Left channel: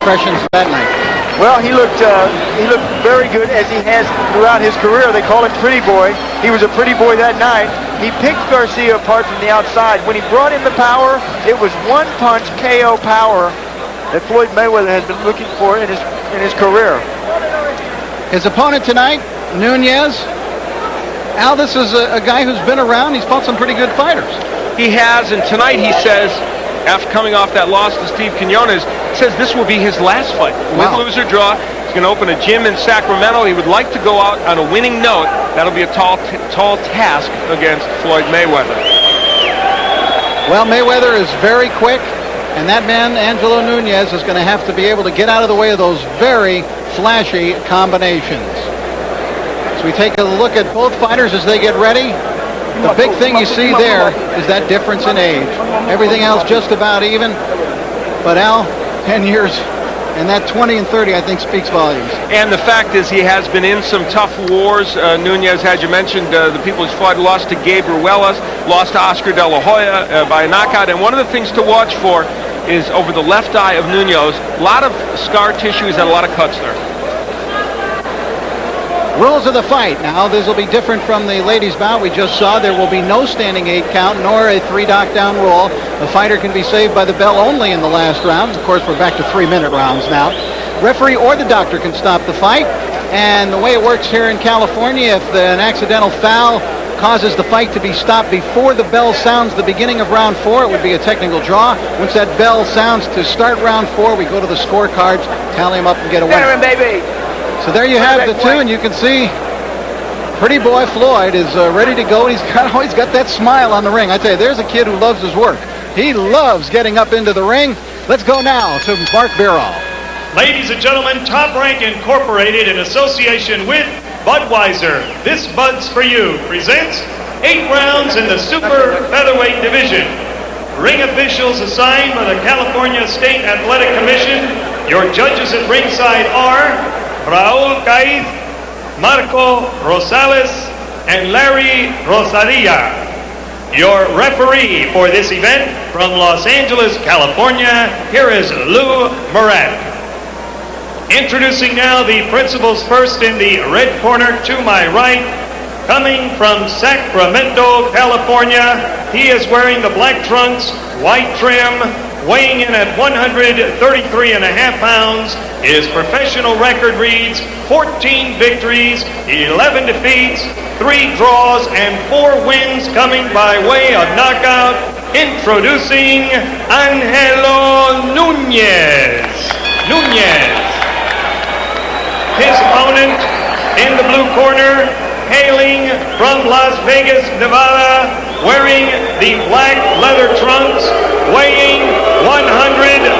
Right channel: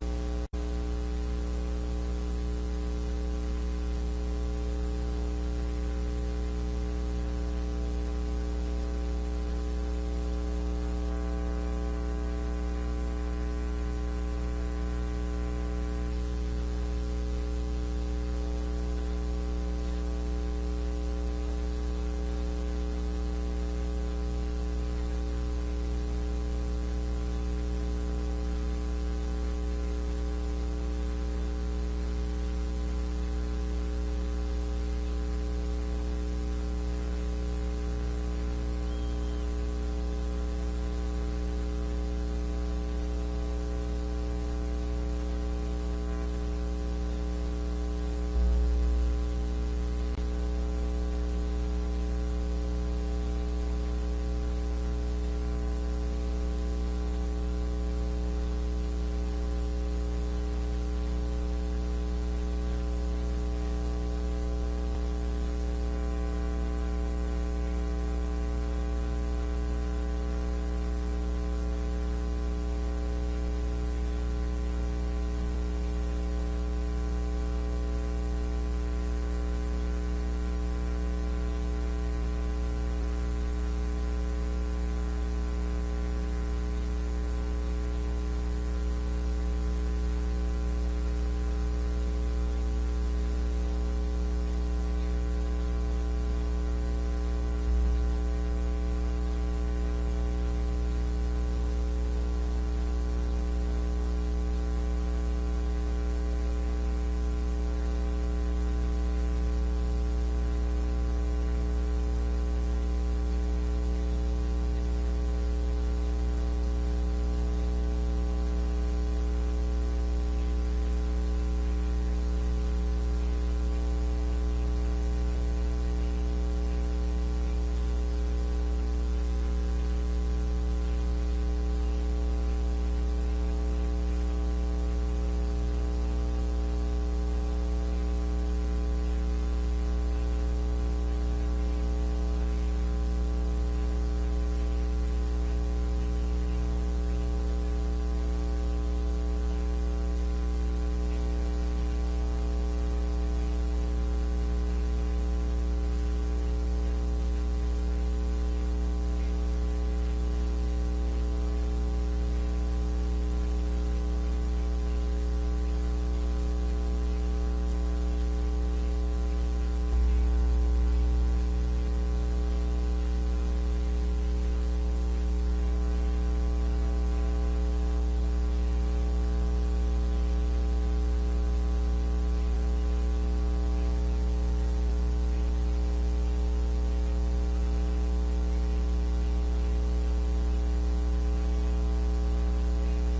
impressions that night? Well, he looked very good, as he has throughout his career. They call him Pretty Boy. He was a pretty boy that night. He picked Garcia apart from the outside. When he brought in the power, it was one-punch KO power that Floyd Mayweather has been looking for in his career. His opponent tonight, Nunez. Al, this is a guy who's been around. He's fought some pretty good fighters. He has, and tonight he says, after coming off that loss to Steve Quinones, says this will be his last fight. Win, lose, or draw. He's going to open a gym in Sacramento. He would like to go out on a winning note. That'll be a tall task against Floyd Mayweather. Well, Mayweather is very quick, and that man, Angelo Nunez, is going to have to be able to get out of the way of those very flashy combinations. So we take a look at both fighters as they get ready. The big thing you see there is that difference in age. Everything else just about even. But Al, 10 years, and that 20 and 30, I think, speaks volumes. And the fact is, he has been in some tough wars. Nunez, as you mentioned, the people he's fought, lost to Gabe Ruelas, lost to Oscar De La Hoya by a knockout. And one of the things to watch for is over the left eye of Nunez. A lot of scar tissue. He's had a lot of cuts there. Rules of the fight. Now, this will be different from the ladies' bout we just saw. There will be no standing 8 count, nor a 3 knockdown rule. The fighter can be saved by the bell only in the last round. Of course, we're back to 3-minute rounds now. Referee or the doctor can stop the fight. And the way it works here in California, if an accidental foul causes the fight to be stopped before the bell sounds the beginning of round 4, it would be a technical draw. Once that bell sounds to start round 4, we go to the scorecards, tally them up, and get a winner. Baby. So there you have the two, and you can see Pretty Boy Floyd is ready to go. He's always got that smile on the ring. I tell you, there's a kid who loves his work. He loves getting up into the ring. Let's go now to Mark Birol. Ladies and gentlemen, Top Rank Incorporated, in association with Budweiser, This Bud's For You, presents 8 rounds in the super featherweight division. Ring officials assigned by the California State Athletic Commission. Your judges at ringside are Raul Caiz, Marco Rosales, and Larry Rosaria. Your referee for this event from Los Angeles, California, here is Lou Murat. Introducing now the principals first in the red corner to my right. Coming from Sacramento, California, he is wearing the black trunks, white trim, weighing in at 133.5 pounds. His professional record reads 14 victories, 11 defeats, 3 draws, and 4 wins coming by way of knockout. Introducing Angelo Nunez. His opponent in the blue corner, hailing from Las Vegas, Nevada, wearing the black leather trunks, weighing 130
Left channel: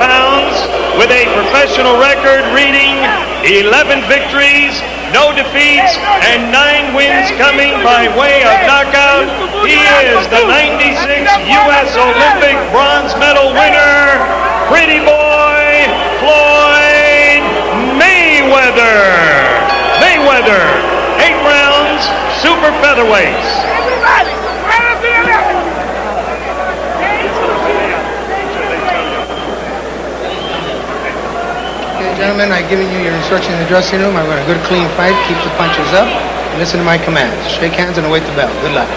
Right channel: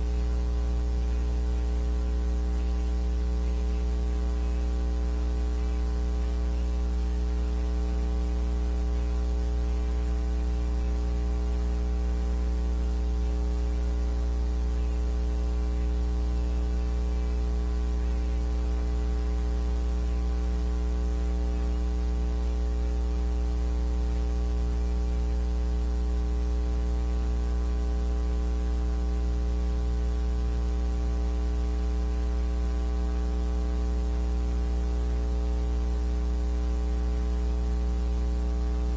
pounds, with a professional record reading 11 victories, no defeats, and 9 wins coming by way of knockout. He is the 96 U.S. Olympic bronze medal winner, Pretty Boy Floyd Mayweather. 8 rounds, super featherweights. Gentlemen, I've given you your instructions in the dressing room. I want a good, clean fight. Keep the punches up. And listen to my commands. Shake hands and await the bell. Good luck.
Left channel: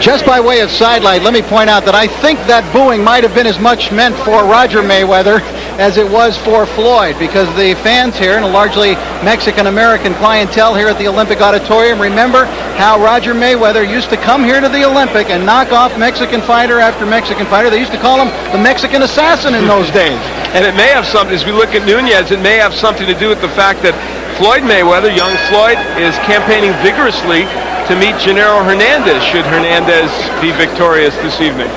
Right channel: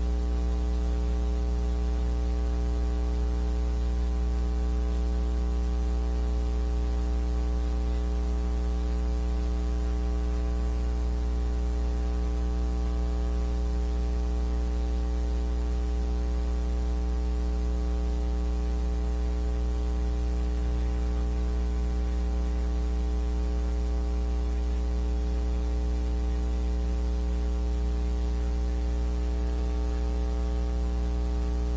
Just by way of sidelight, let me point out that I think that booing might have been as much meant for Roger Mayweather as it was for Floyd, because the fans here, and a largely Mexican-American clientele here at the Olympic Auditorium, remember how Roger Mayweather used to come here to the Olympic and knock off Mexican fighter after Mexican fighter. They used to call him the Mexican assassin in those days. And it may have something, as we look at Nunez, it may have something to do with the fact that Floyd Mayweather, young Floyd, is campaigning vigorously to meet Gennaro Hernandez, should Hernandez be victorious this evening.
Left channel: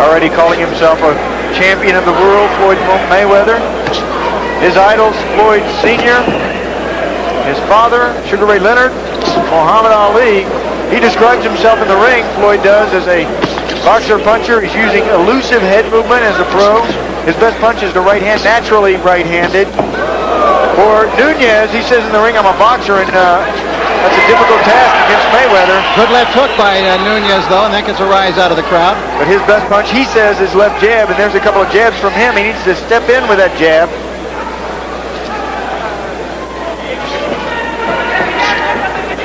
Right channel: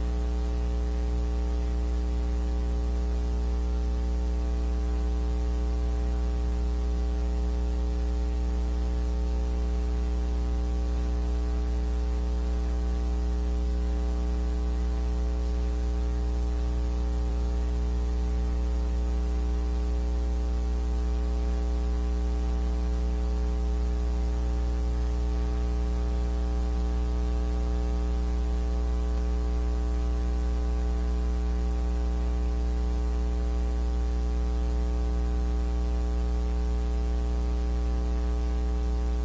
Already calling himself a champion of the world, Floyd Mayweather. His idols, Floyd Sr., his father, Sugar Ray Leonard, Muhammad Ali. He describes himself in the ring, Floyd does, as a boxer-puncher. He's using elusive head movement as a pro. His best punch is the right hand, naturally right-handed. For Nunez, he says in the ring, I'm a boxer, and That's a difficult task against Mayweather. Good left hook by Nunez, though, and that gets a rise out of the crowd. But his best punch, he says, is left jab, and there's a couple of jabs from him. He needs to step in with that jab.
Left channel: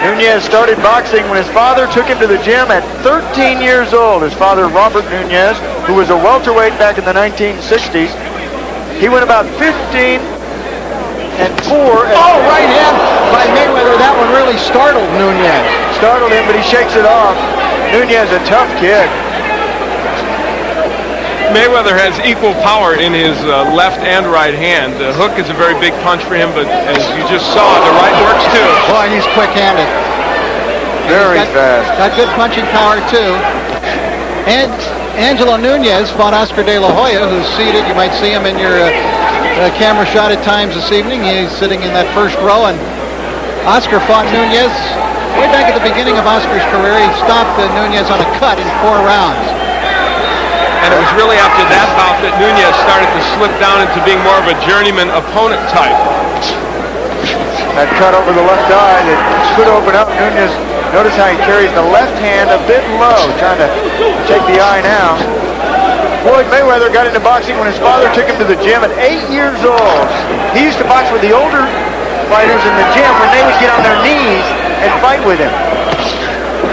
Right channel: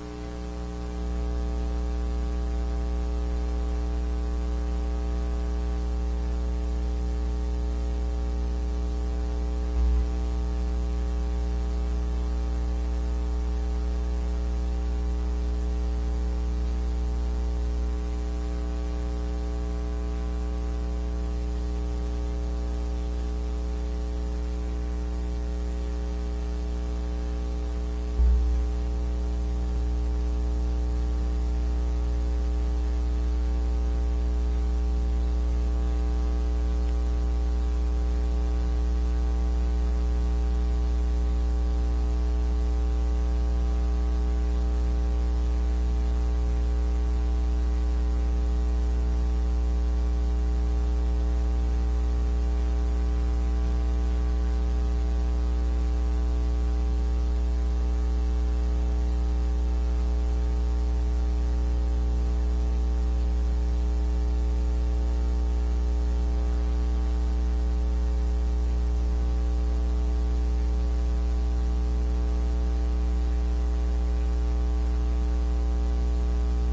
Nunez started boxing when his father took him to the gym at 13 years old. His father, Robert Nunez, who was a welterweight back in the 1960s. He went about 15 and 4. Oh, right hand by Mayweather. That one really startled Nunez. Startled him, but he shakes it off. Nunez, a tough kid. Mayweather has equal power in his left and right hand. The hook is a very big punch for him, but as you just saw, the right works too. Boy, he's quick-handed. Very fast. Got good punching power, too. And Angelo Nunez fought Oscar De La Hoya, who's seated. You might see him in your camera shot at times this evening. He's sitting in that first row, and Oscar fought Nunez way back at the beginning of Oscar's career. He stopped Nunez on a cut in 4 rounds. And it was really after that bout that Nunez started to slip down into being more of a journeyman opponent type. That cut over the left eye that could open up. Nunez, notice how he carries the left hand a bit low, trying to take the eye now. Floyd Mayweather got into boxing when his father took him to the gym at 8 years old. He used to box with the older fighters in the gym when they would get on their knees and fight with him.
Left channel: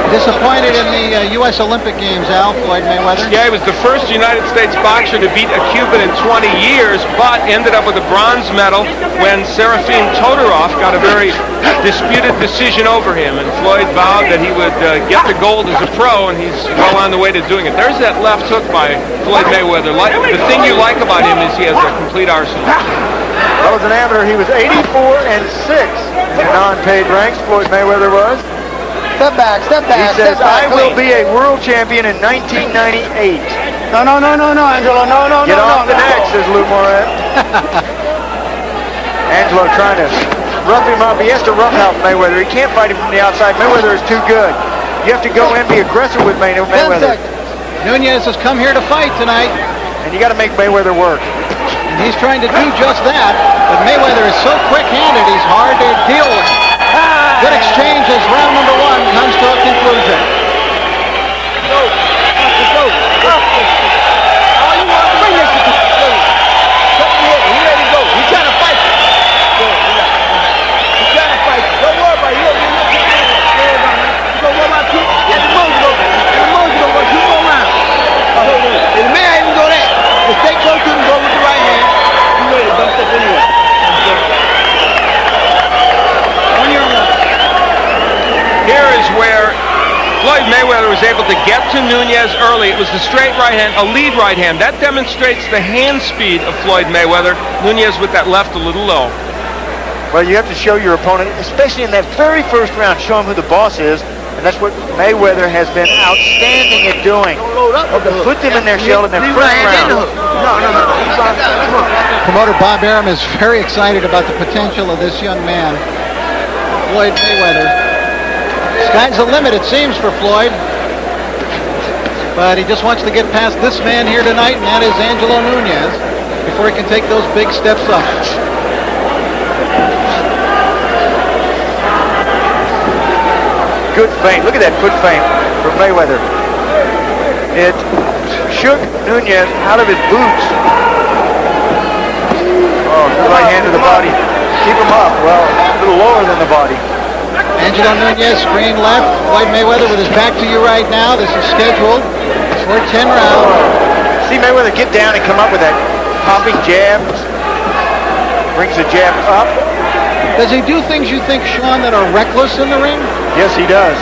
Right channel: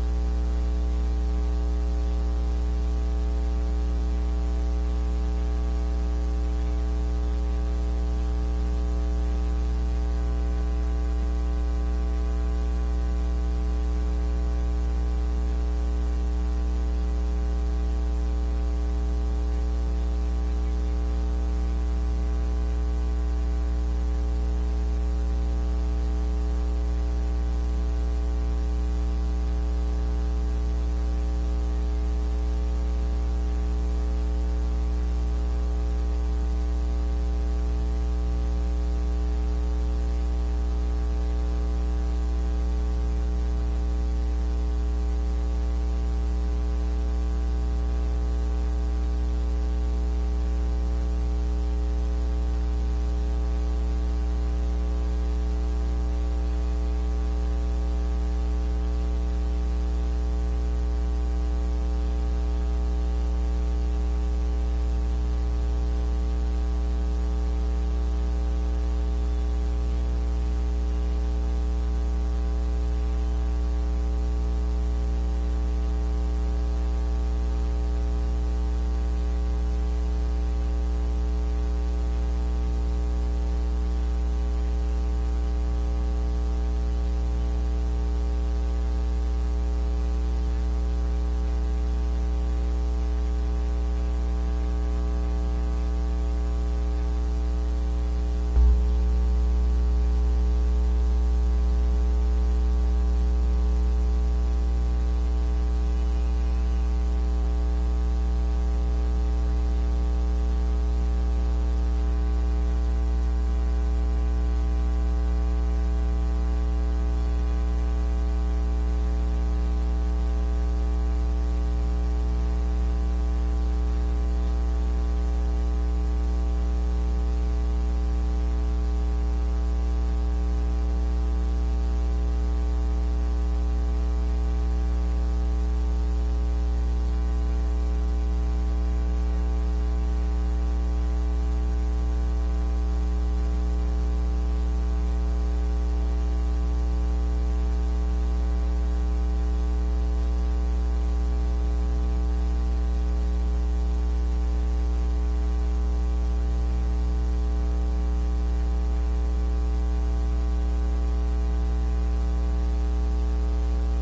Disappointed in the U.S. Olympic Games, Al, Floyd Mayweather. Yeah, he was the first United States boxer to beat a Cuban in 20 years, but ended up with a bronze medal when Serafim Todorov got a very disputed decision over him. And Floyd vowed that he would get the gold as a pro, and he's well on the way to doing it. There's that left hook by Floyd Mayweather. The thing you like about him is he has a complete arsenal. Well, as an amateur, he was 84 and 6 in non-paid ranks. Floyd Mayweather was. Step back, step back. He says, step back, I will be a world champion in 1998. No, Angelo, no. Get off the neck, says Lou Moret. Angelo trying to rough him up. He has to roughhouse Mayweather. He can't fight him from the outside. Mayweather is too good. You have to go in, be aggressive with Mayweather. Nunez has come here to fight tonight. And you got to make Mayweather work. And he's trying to do just that. But Mayweather is so quick-handed, he's hard to deal with. Good exchange as round number 1 comes to a conclusion. Here is where Floyd Mayweather was able to get to Nunez early. It was the straight right hand, a lead right hand. That demonstrates the hand speed of Floyd Mayweather. Nunez with that left a little low. Well, you have to show your opponent, especially in that very first round, show him who the boss is. And that's what Mayweather has been outstanding at doing. Put them in their shell in their first round. Promoter Bob Arum is very excited about the potential of this young man, Floyd Mayweather. Sky's the limit, it seems, for Floyd. But he just wants to get past this man here tonight, and that is Angelo Nunez, before he can take those big steps up. Good feint. Look at that foot feint from Mayweather. It shook Nunez out of his boots. Oh, good right hand to the body. Keep him up. Well, a little lower than the body. Angelo Nunez, screen left. Floyd Mayweather with his back to you right now. This is scheduled for 10 rounds. See Mayweather get down and come up with that popping jab. Brings the jab up. Does he do things you think, Sean, that are reckless in the ring? Yes, he does.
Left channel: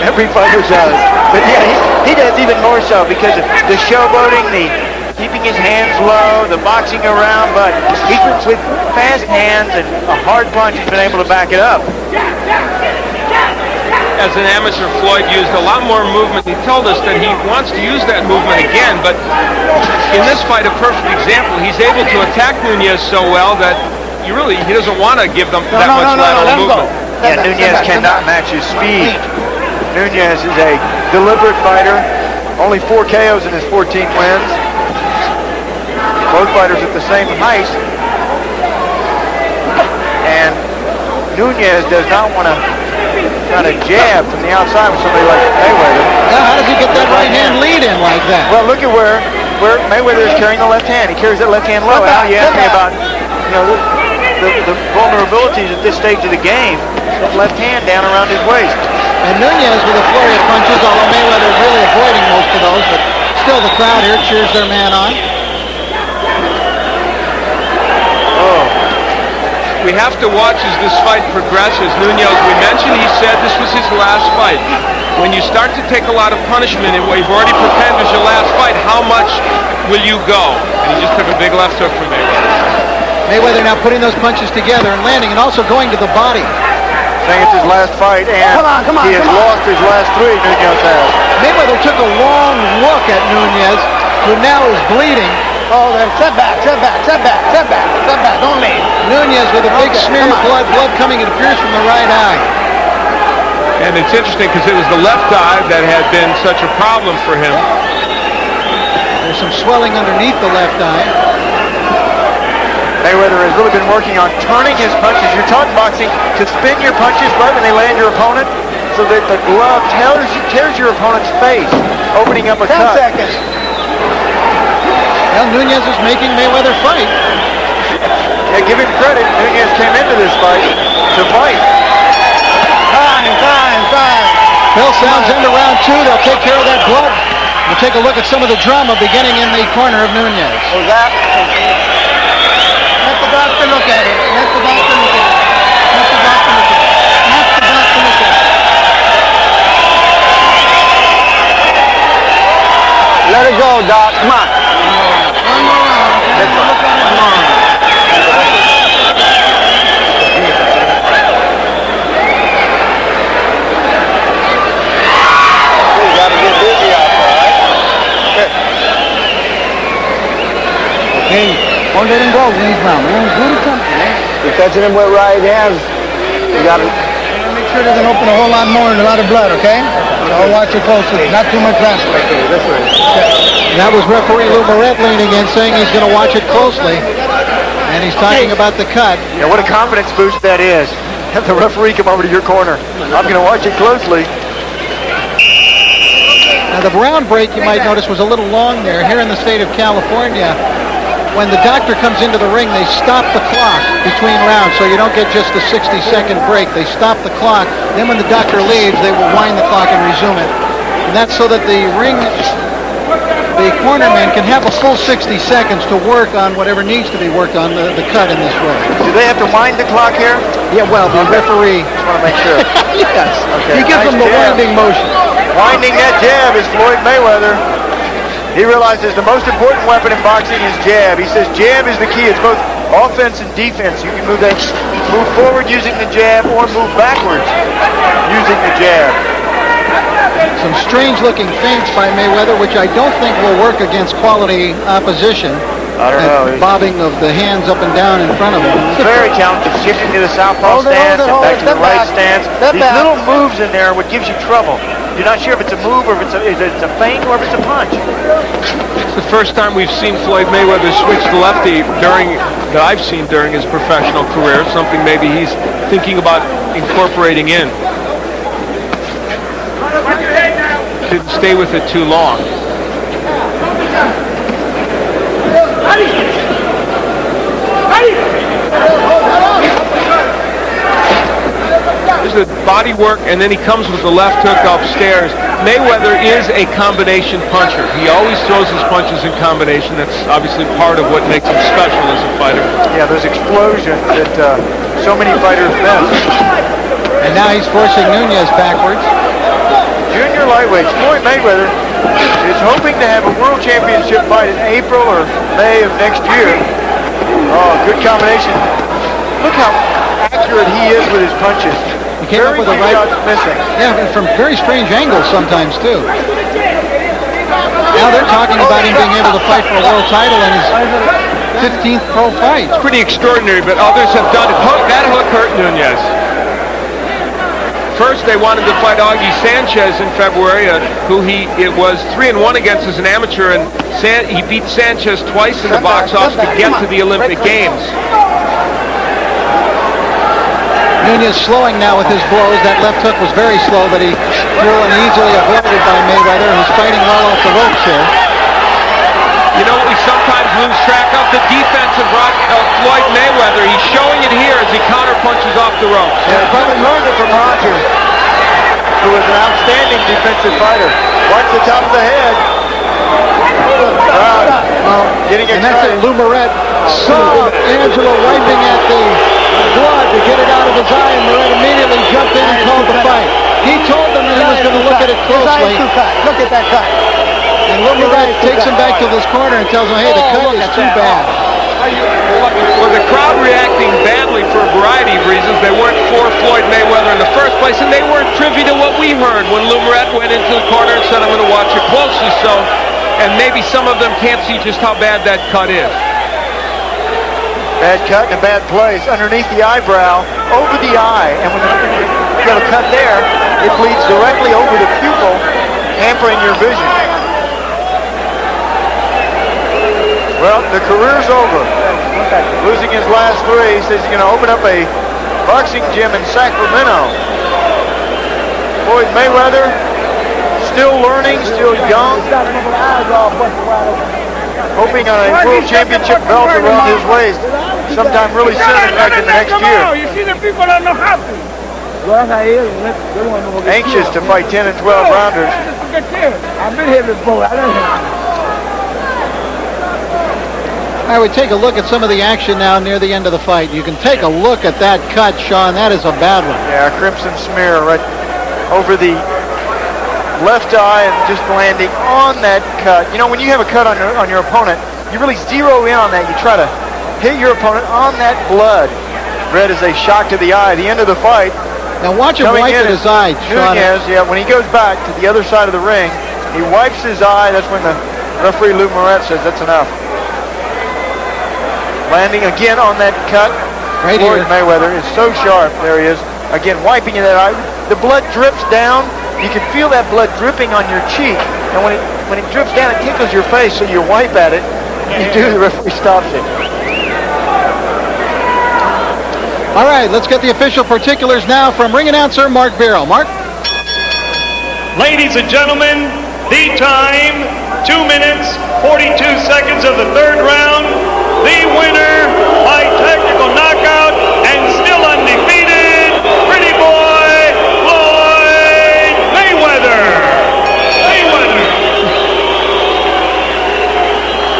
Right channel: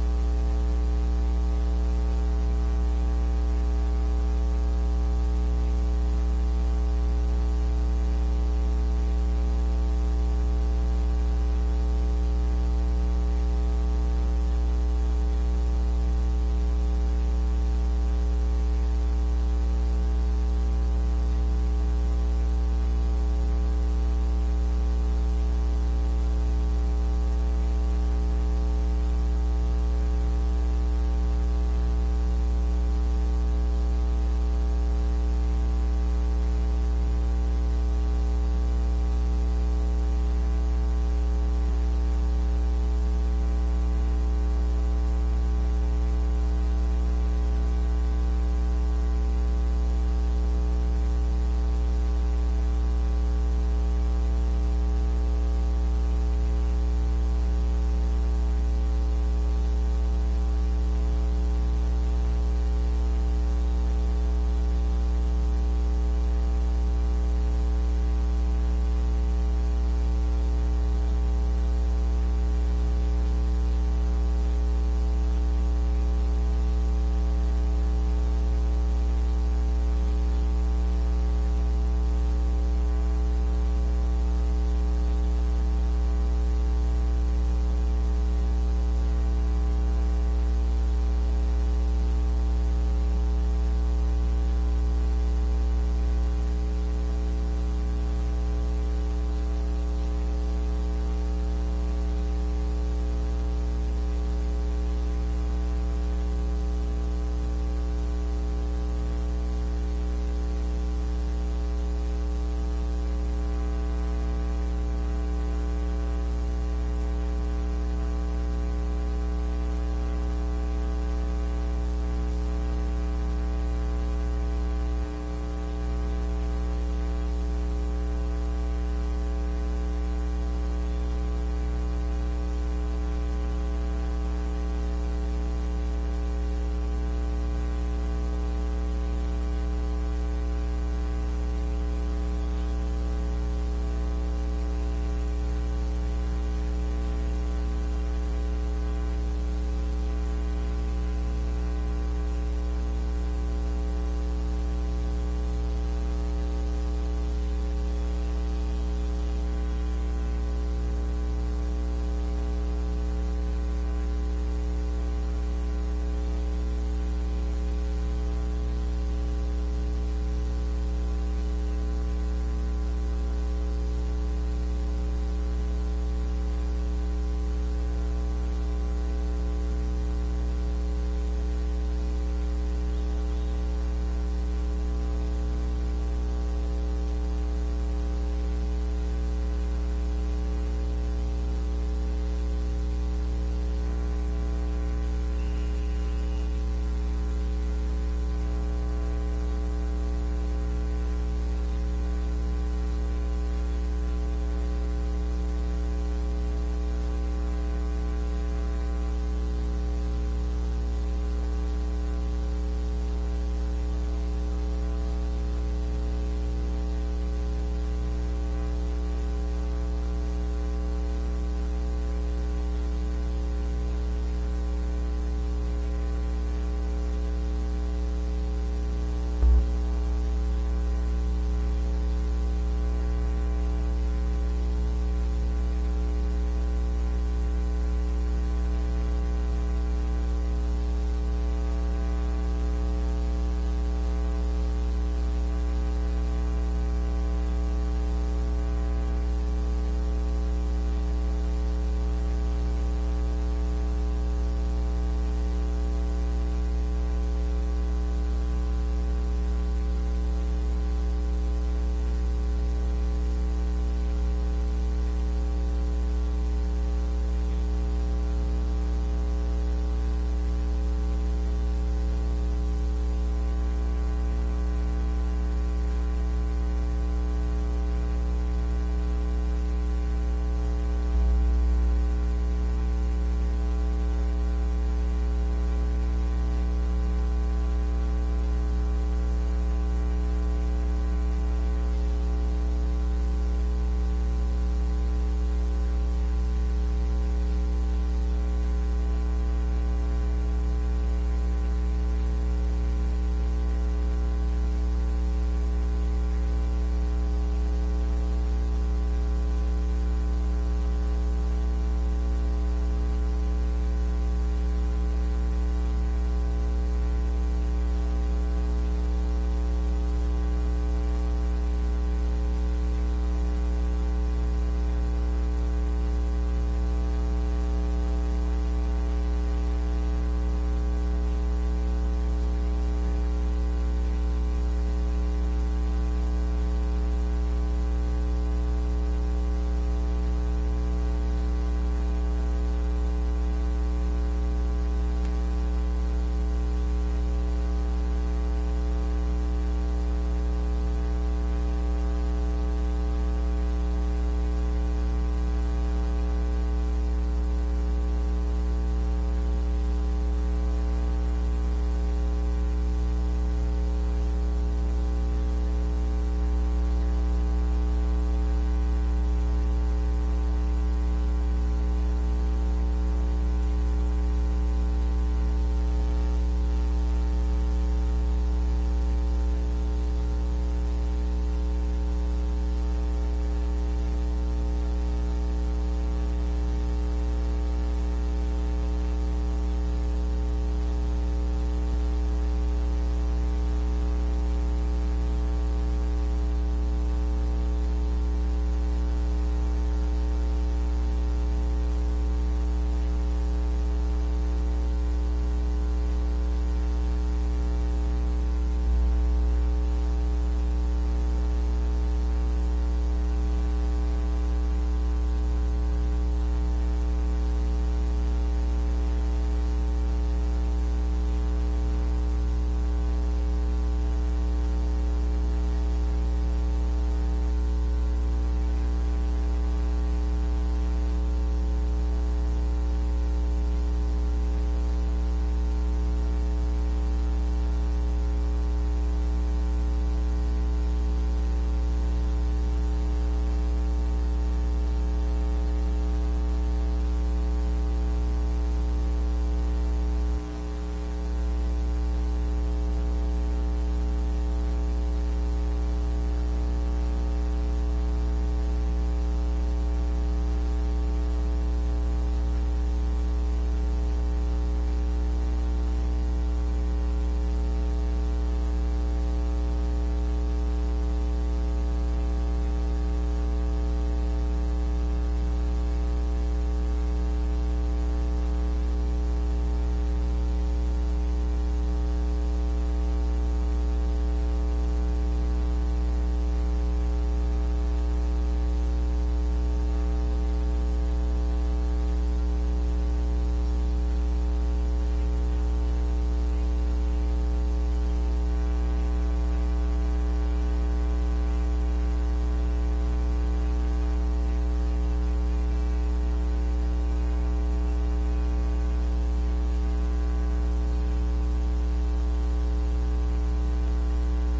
Every fighter does. But yeah, he does even more so because of the showboating, the keeping his hands low, the boxing around, but he with fast hands and a hard punch, he's been able to back it up. As an amateur, Floyd used a lot more movement. He told us that he wants to use that movement again, but in this fight, a perfect example. He's able to attack Nunez so well that he doesn't want to give them that much lateral movement. Yeah, Nunez cannot match his speed. Nunez is a deliberate fighter. Only 4 KOs in his 14 wins. Both fighters at the same height. And Nunez does not want to trying to jab from the outside with somebody like Mayweather. Now, how does he get that right hand lead in like that? Well, look at where Mayweather is carrying the left hand. He carries that left hand low. Now you ask me about, you know, the vulnerabilities at this stage of the game. That left hand down around his waist. And Nunez with a flurry of punches, although Mayweather really avoiding most of those, but still the crowd here cheers their man on. We have to watch as this fight progresses. Nunez, we mentioned, he said this was his last fight. When you start to take a lot of punishment and what you've already pretended is your last fight, how much will you go? And he just took a big left hook from Mayweather. Mayweather now putting those punches together and landing and also going to the body. Saying it's his last fight, and he has lost his last 3, Nunez has. Mayweather took a long look at Nunez, who now is bleeding. Oh, then setback. Don't leave. Nunez with a big smear of blood coming, it appears, from the right eye. And it's interesting because it was the left eye that had been such a problem for him. There's some swelling underneath the left eye. Mayweather has really been working on turning his punches. You're taught in boxing to spin your punches right when they land your opponent so that the glove tears your opponent's face, opening up a cut. 10 seconds. Well, Nunez is making Mayweather fight. Yeah, give him credit. Nunez came into this fight to fight. Time. Bell sounds into round 2. They'll take care of that blood. We'll take a look at some of the drama beginning in the corner of Nunez. Was that? Let the doctor look at it. Let it go, Doc. Come on. One more round. Look at it. You got to get busy out there, right? Okay. Don't let him go. Leave him. Do something, man. You're touching him with right hands. You got to make sure it doesn't open a whole lot more and a lot of blood, okay? So watch it closely. Not too much plastic. This way. That was referee Lou Moret leaning in, saying he's going to watch it closely. And he's talking about the cut. Yeah, what a confidence boost that is. Have the referee come over to your corner. I'm going to watch it closely. Now, the round break, you might notice, was a little long there. Here in the state of California, when the doctor comes into the ring, they stop the clock between rounds, so you don't get just a 60-second break. They stop the clock. Then when the doctor leaves, they will wind the clock and resume it. And that's so that the cornerman can have a full 60 seconds to work on whatever needs to be worked on, the cut in this way. Do they have to wind the clock here? Yeah, well, the referee... Just want to make sure. Yes. Okay. He gives them the winding motion. Winding that jab is Floyd Mayweather. He realizes the most important weapon in boxing is jab. He says jab is the key. It's both offense and defense. You can move forward using the jab or move backwards using the jab. Some strange-looking feints by Mayweather, which I don't think will work against quality opposition. I don't know. Bobbing of the hands up and down in front of him. Very talented, shifting to the southpaw stance and back to the right stance. These little moves in there are what gives you trouble. You're not sure if it's a move or if it's a feint or if it's a punch. It's the first time we've seen Floyd Mayweather switch to lefty that I've seen during his professional career, something maybe he's thinking about incorporating in. Didn't stay with it too long. There's the body work, and then he comes with the left hook upstairs. Mayweather is a combination puncher. He always throws his punches in combination. That's obviously part of what makes him special as a fighter. Yeah, those explosions that so many fighters miss. And now he's forcing Nunez backwards. Junior lightweight, Floyd Mayweather is hoping to have a world championship fight in April or May of next year. Oh, good combination. Look how accurate he is with his punches. He came up with a right shots missing. Yeah, from very strange angles sometimes too. Now they're talking about him being able to fight for a world title in his 15th pro fight. It's pretty extraordinary, but others have done it. That hook hurt Nunez. First, they wanted to fight Augie Sanchez in February, who it was 3-1 against as an amateur, and he beat Sanchez twice in the box office to get to the Olympic Games. Nunez slowing now with his blows. That left hook was very slow, but he threw and easily avoided by Mayweather, who's fighting well off the ropes here. You know what we sometimes lose track of? The defense of Floyd Mayweather. He's showing it here as he counterpunches off the ropes. Yeah, he probably learned it from Roger, who was an outstanding defensive fighter. Watch the top of the head. Getting And that's excited. it. Lou Moret saw Angelo wiping at the blood to get it out of his eye, and Moret immediately jumped in and called the fight. He told them that he was going to look at it closely. Look at that cut. And Lou Moret takes him back to this corner and tells him, hey, the cut is too bad. Well, the crowd reacting badly for a variety of reasons. They weren't for Floyd Mayweather in the first place, and they weren't privy to what we heard when Lou Moret went into the corner and said, I'm going to watch it closely. So, and maybe some of them can't see just how bad that cut is. Bad cut in a bad place, underneath the eyebrow, over the eye, and when you got a cut there, it bleeds directly over the pupil, hampering your vision. Well, the career's over. Losing his last three, he says he's going to open up a boxing gym in Sacramento. Floyd Mayweather, still learning, still young, hoping on a world championship belt around his waist sometime really soon, in fact, in the next year. You see the people that know how to. Anxious to fight 10 and 12 rounders. I've been here before. I would take a look at some of the action now near the end of the fight. You can take a look at that cut, Sean. That is a bad one. Yeah, crimson smear right over the left eye and just landing on that cut. You know, when you have a cut on your opponent, you really zero in on that. You try to hit your opponent on that blood. Red is a shock to the eye. The end of the fight. Now watch him wipe at his eye, Sean. Nunez, yeah, when he goes back to the other side of the ring, he wipes his eye. That's when the referee Lou Moret says that's enough. Landing again on that cut. Right Floyd here. Mayweather is so sharp. There he is. Again, wiping that eye. The blood drips down. You can feel that blood dripping on your cheek. And when it drips down, it tickles your face, so you wipe at it. You do, the referee stops it. All right, let's get the official particulars now from ring announcer Mark Barrow. Mark? Ladies and gentlemen, the time, 2 minutes, 42 seconds of the third round. The winner by technical knockout and still undefeated, pretty boy, Floyd Mayweather.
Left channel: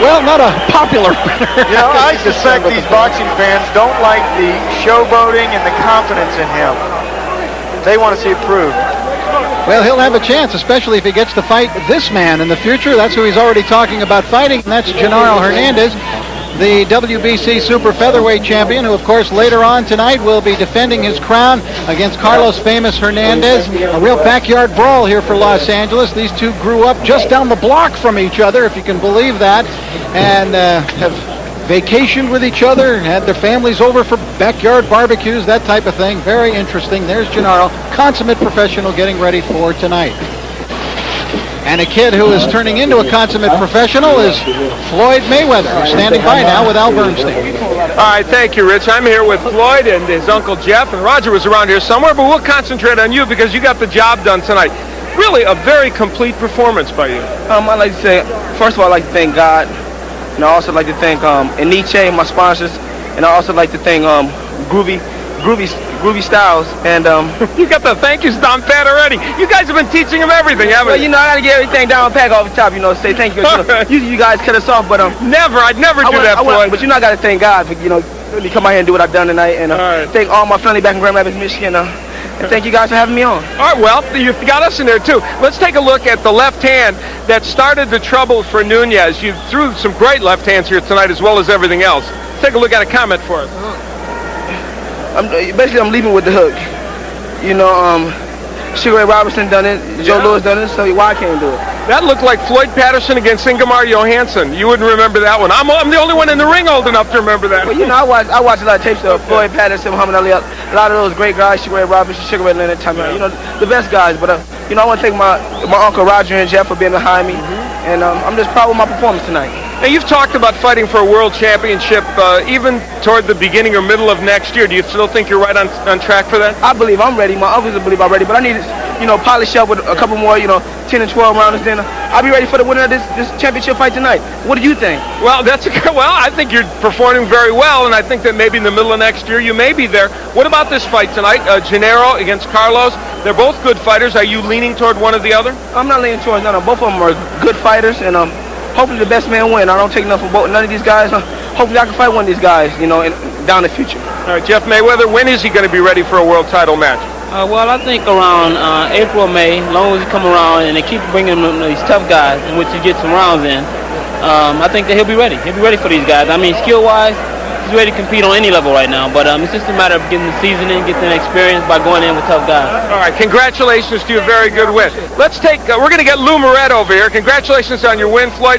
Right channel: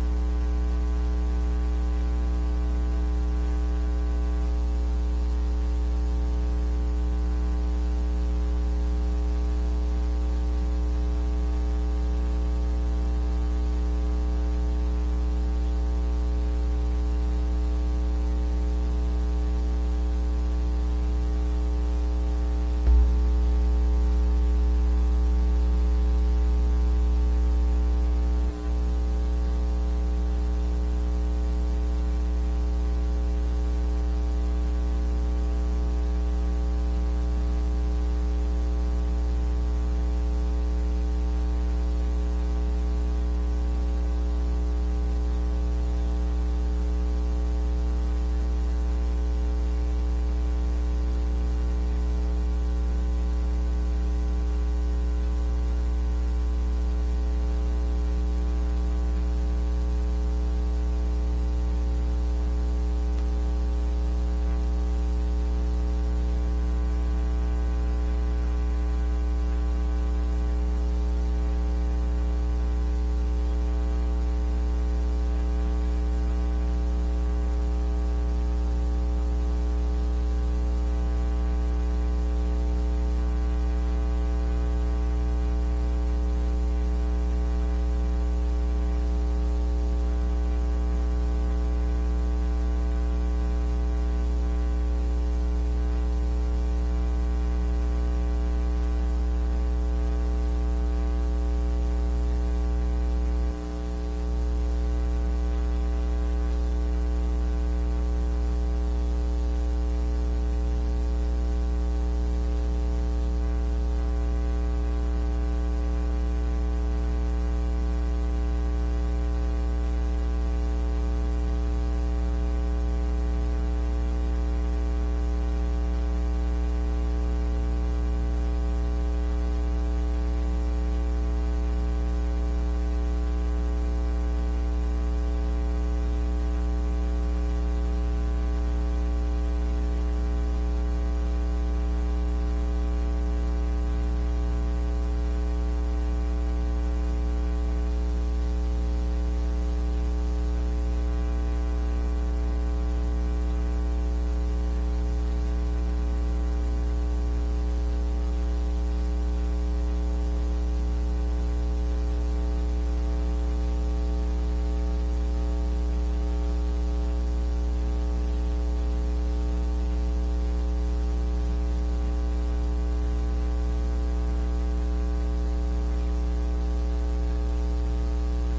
Well, not a popular winner. You know, I suspect these boxing fans don't like the showboating and the confidence in him. They want to see it proved. Well, he'll have a chance, especially if he gets to fight this man in the future. That's who he's already talking about fighting, and that's Genaro Hernandez, the WBC Super Featherweight champion, who, of course, later on tonight will be defending his crown against Carlos Famous Hernandez. A real backyard brawl here for Los Angeles. These two grew up just down the block from each other, if you can believe that, and have vacationed with each other, had their families over for backyard barbecues, that type of thing. Very interesting. There's Genaro, consummate professional, getting ready for tonight. And a kid who is turning into a consummate professional is Floyd Mayweather, who's standing by now with Al Bernstein. All right, thank you, Rich. I'm here with Floyd and his uncle Jeff, and Roger was around here somewhere, but we'll concentrate on you because you got the job done tonight. Really a very complete performance by you. I'd like to say, first of all, I'd like to thank God, and I also like to thank Eniche, my sponsors, and I also like to thank Groovy Styles, and You got the thank yous down pat already. You guys have been teaching him everything, haven't well, you? you know, I gotta get everything down pack off the top, you know, say thank you. You guys cut us off, but Never, I'd never do that, Floyd. but you know, I gotta thank God for really come out here and do what I've done tonight, and thank all my family back in Grand Rapids, Michigan, and thank you guys for having me on. All right, well, you've got us in there, too. Let's take a look at the left hand that started the trouble for Nunez. You threw some great left hands here tonight as well as everything else. Take a look at a comment for us. I'm leaving with the hook. You know, Sugar Ray Robinson done it, Joe Louis done it, so why I can't do it? That looked like Floyd Patterson against Ingemar Johansson. You wouldn't remember that one. I'm the only one in the ring old enough to remember that. Well, you know, I watch a lot of tapes of Floyd Patterson, Muhammad Ali, a lot of those great guys, Sugar Ray Robinson, Sugar Ray Leonard, you know, the best guys. But, you know, I want to thank my uncle Roger and Jeff for being behind me, and I'm just proud of my performance tonight. Now, you've talked about fighting for a world championship even toward the beginning or middle of next year. Do you still think you're right on track for that? I believe I'm ready. My others believe I'm ready, but I need to, polish up with a couple more, 10 and 12 rounds. Then I'll be ready for the winner of this championship fight tonight. What do you think? Well, I think you're performing very well, and I think that maybe in the middle of next year you may be there. What about this fight tonight? Gennaro against Carlos. They're both good fighters. Are you leaning toward one or the other? I'm not leaning towards none of them. Both of them are good fighters, and hopefully the best man win. I don't take nothing from none of these guys. Hopefully I can fight one of these guys, down the future. All right, Jeff Mayweather, when is he going to be ready for a world title match? Well, I think around April or May, as long as he come around and they keep bringing him these tough guys in which he gets some rounds in, I think that he'll be ready. He'll be ready for these guys. I mean, skill-wise, he's ready to compete on any level right now. But it's just a matter of getting the seasoning, getting the experience by going in with tough guys. All right, congratulations to you. Very good win. Let's take, we're going to get Lou Moret over here. Congratulations on your win, Floyd.